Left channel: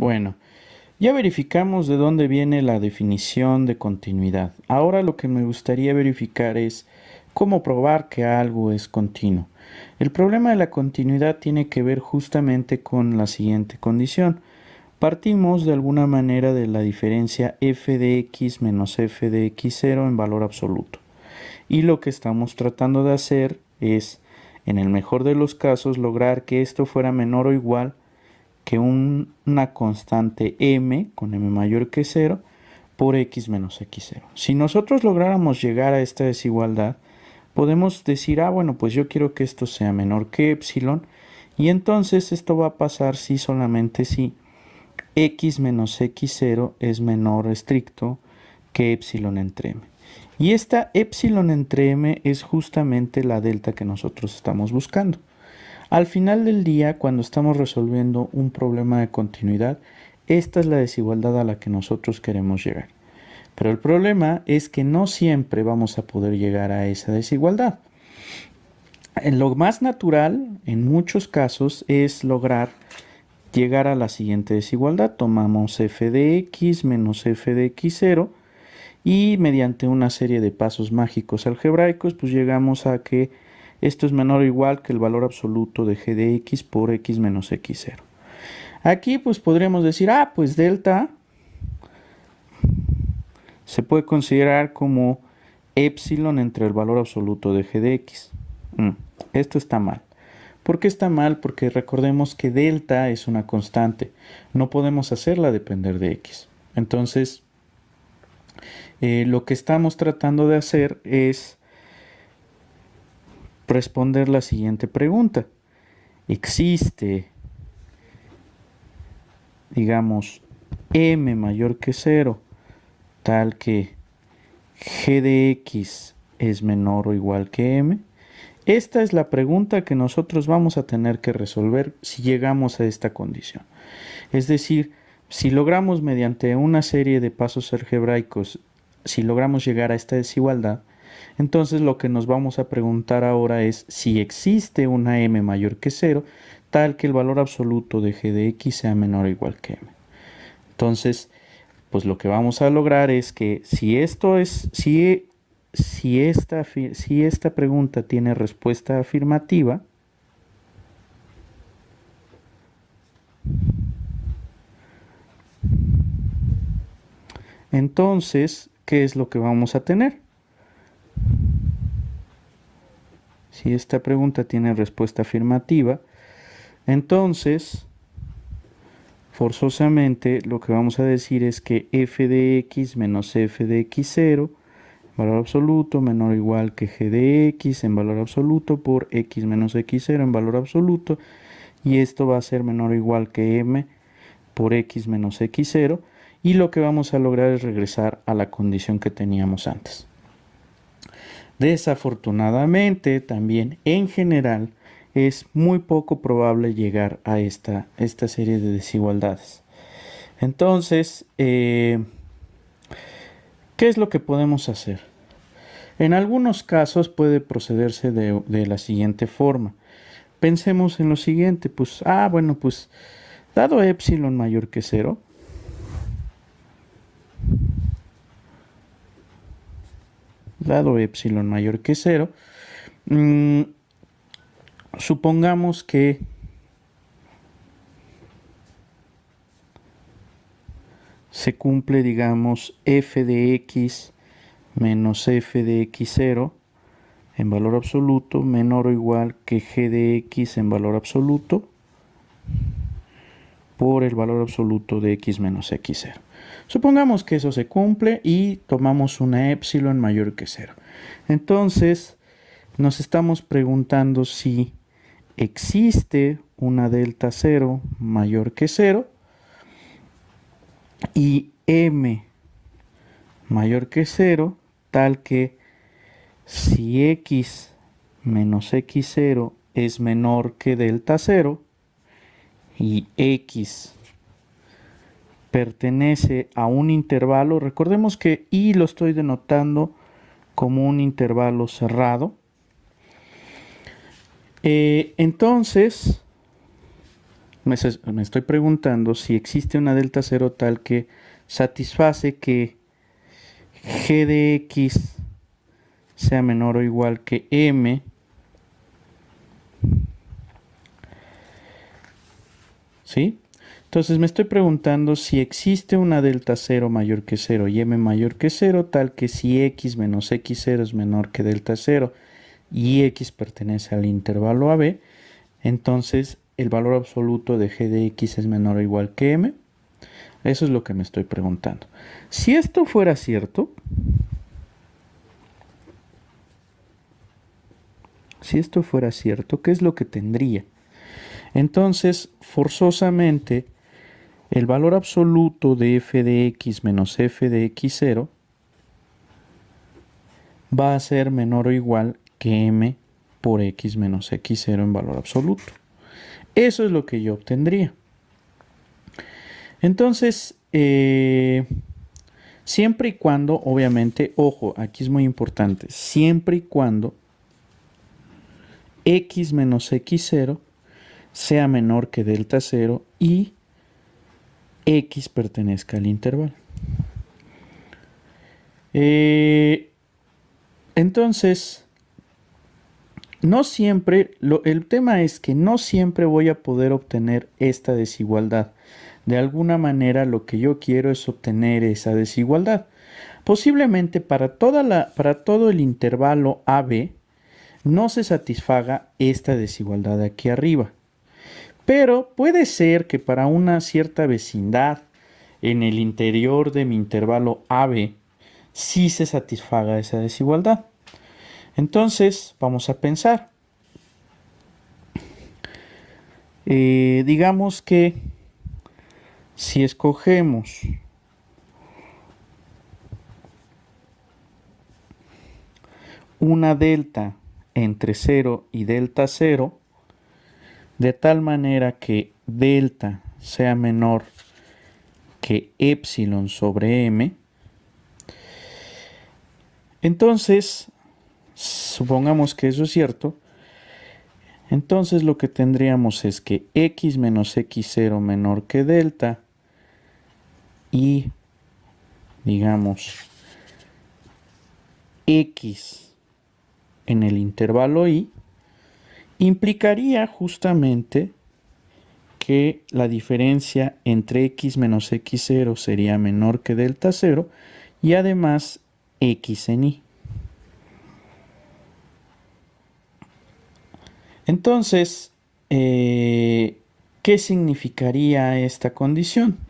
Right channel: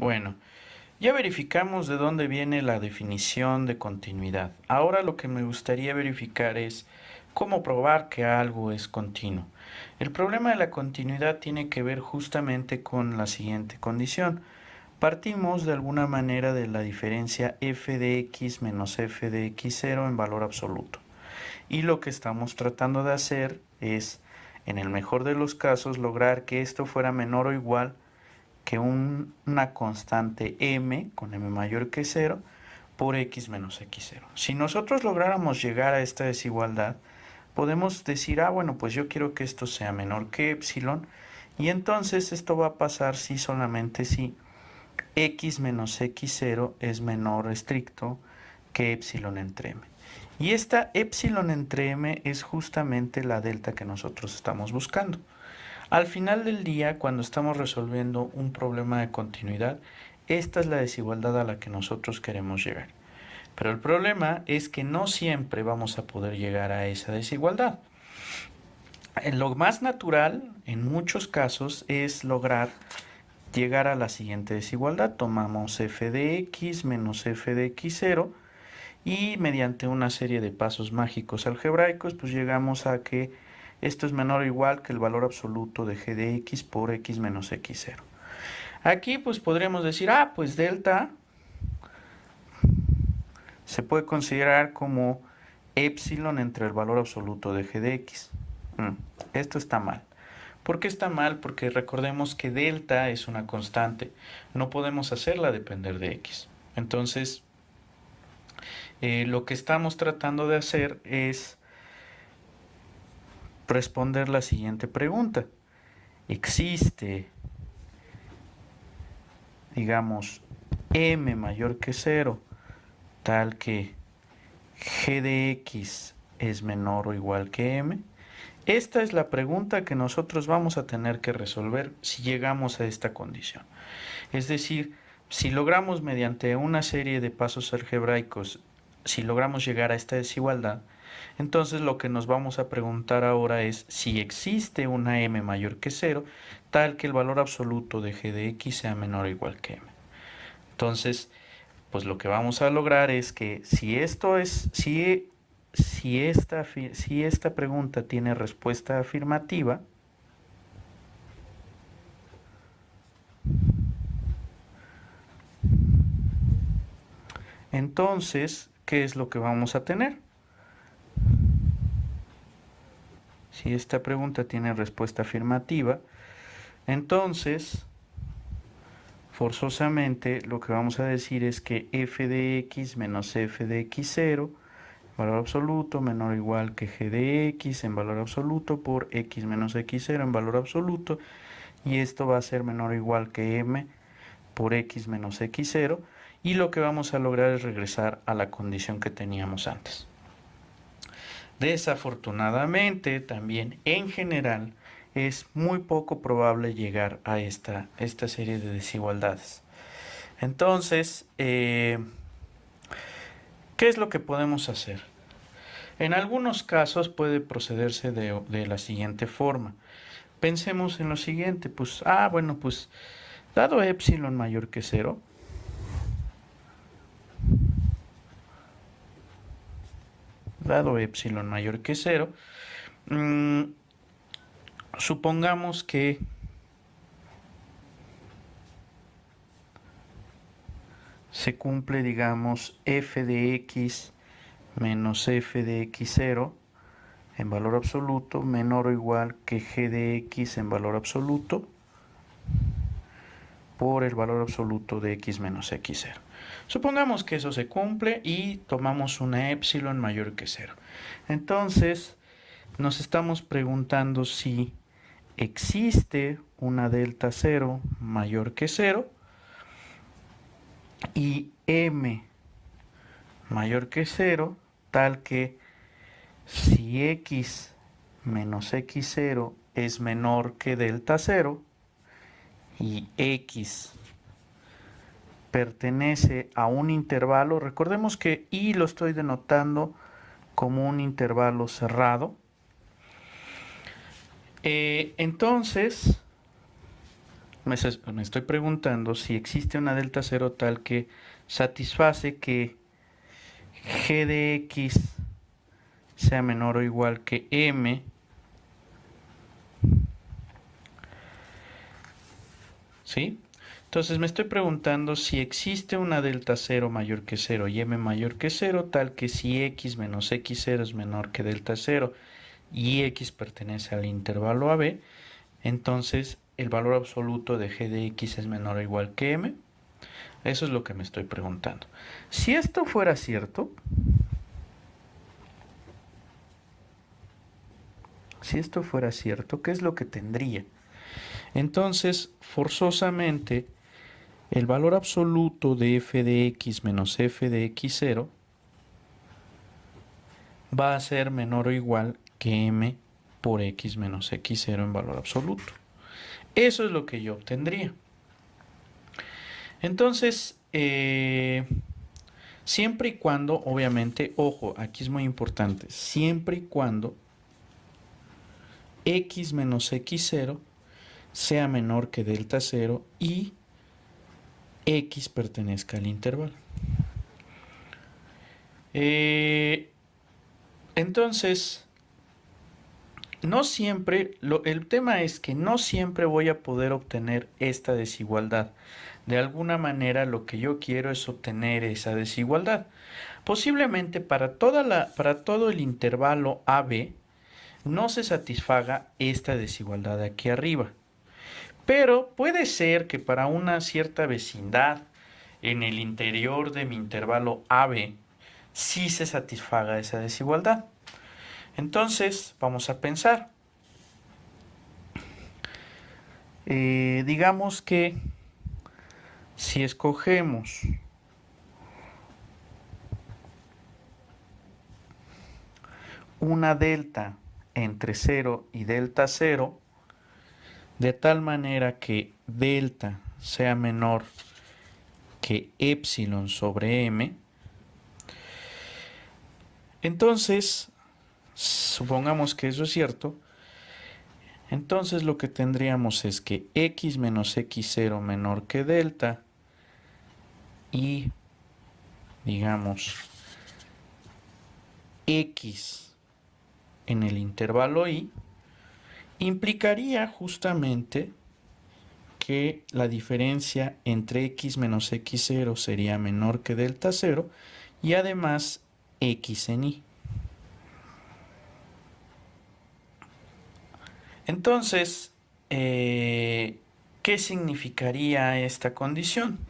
Bueno, ya verificamos de dónde viene la definición de continuidad. Ahora lo que me gustaría verificar es cómo probar que algo es continuo. El problema de la continuidad tiene que ver justamente con la siguiente condición. Partimos de alguna manera de la diferencia f de x menos f de x0 en valor absoluto. Y lo que estamos tratando de hacer es, en el mejor de los casos, lograr que esto fuera menor o igual que una constante m con m mayor que 0 por x menos x0. Si nosotros lográramos llegar a esta desigualdad, podemos decir, bueno, pues yo quiero que esto sea menor que epsilon, y entonces esto va a pasar si solamente si x menos x0 es menor estricto que epsilon entre m. Y esta epsilon entre m es justamente la delta que nosotros estamos buscando. Al final del día, cuando estamos resolviendo un problema de continuidad, esta es la desigualdad a la que nosotros queremos llegar. Pero el problema es que no siempre vamos a poder llegar a esa desigualdad. En lo más natural, en muchos casos, es lograr llegar a la siguiente desigualdad. Tomamos f de x menos f de x0 y mediante una serie de pasos mágicos algebraicos, pues llegamos a que esto es menor o igual que el valor absoluto de g de x por x menos x0. Aquí pues podríamos decir, pues delta se puede considerar como epsilon entre el valor absoluto de g de x. Esto está mal. ¿Por qué está mal? Porque recordemos que delta es una constante. No podemos hacerla depender de x. Entonces, lo que estamos tratando de hacer es responder la siguiente pregunta. ¿Existe, digamos, m mayor que 0 tal que g de x es menor o igual que m? Esta es la pregunta que nosotros vamos a tener que resolver si llegamos a esta condición. Es decir, si logramos mediante una serie de pasos algebraicos, si logramos llegar a esta desigualdad, entonces lo que nos vamos a preguntar ahora es si existe una m mayor que 0, tal que el valor absoluto de g de x sea menor o igual que m. Entonces, pues lo que vamos a lograr es que si esta pregunta tiene respuesta afirmativa, entonces, ¿qué es lo que vamos a tener? Si esta pregunta tiene respuesta afirmativa, entonces, forzosamente, lo que vamos a decir es que f de x menos f de x0, valor absoluto, menor o igual que g de x en valor absoluto por x menos x0 en valor absoluto, y esto va a ser menor o igual que m por x menos x0, y lo que vamos a lograr es regresar a la condición que teníamos antes. Desafortunadamente, también en general, es muy poco probable llegar a esta serie de desigualdades. Entonces, ¿qué es lo que podemos hacer? En algunos casos puede procederse de la siguiente forma. Pensemos en lo siguiente, pues, bueno, pues, dado epsilon mayor que 0, supongamos que se cumple, digamos, f de x menos f de x0 en valor absoluto menor o igual que g de x en valor absoluto por el valor absoluto de x menos x0. Supongamos que eso se cumple y tomamos una epsilon mayor que 0. Entonces, nos estamos preguntando si existe una delta 0 mayor que 0 y m mayor que 0, tal que si x menos x0 es menor que delta 0 y x pertenece a un intervalo, recordemos que y lo estoy denotando como un intervalo cerrado, entonces me estoy preguntando si existe una delta cero tal que satisface que g de x sea menor o igual que m, ¿sí? Entonces me estoy preguntando si existe una delta cero mayor que cero y m mayor que cero tal que si x menos x0 es menor que delta cero y x pertenece al intervalo AB, entonces el valor absoluto de g de x es menor o igual que m. Eso es lo que me estoy preguntando. Si esto fuera cierto, ¿qué es lo que tendría? Entonces, forzosamente, el valor absoluto de f de x menos f de x0 va a ser menor o igual que m por x menos x0 en valor absoluto. Eso es lo que yo obtendría. Entonces, siempre y cuando, obviamente, ojo, aquí es muy importante, siempre y cuando x menos x0 sea menor que delta 0 y x pertenezca al intervalo. Entonces, no siempre, el tema es que no siempre voy a poder obtener esta desigualdad. De alguna manera lo que yo quiero es obtener esa desigualdad. Posiblemente para todo el intervalo AB no se satisfaga esta desigualdad de aquí arriba. Pero puede ser que para una cierta vecindad en el interior de mi intervalo AB sí se satisfaga esa desigualdad. Entonces, vamos a pensar. Digamos que si escogemos una delta entre 0 y delta 0, de tal manera que delta sea menor que epsilon sobre m, entonces, supongamos que eso es cierto, entonces lo que tendríamos es que x menos x0 menor que delta y, digamos, x en el intervalo y implicaría justamente que la diferencia entre x menos x0 sería menor que delta 0 y además x en y. Entonces, ¿qué significaría esta condición?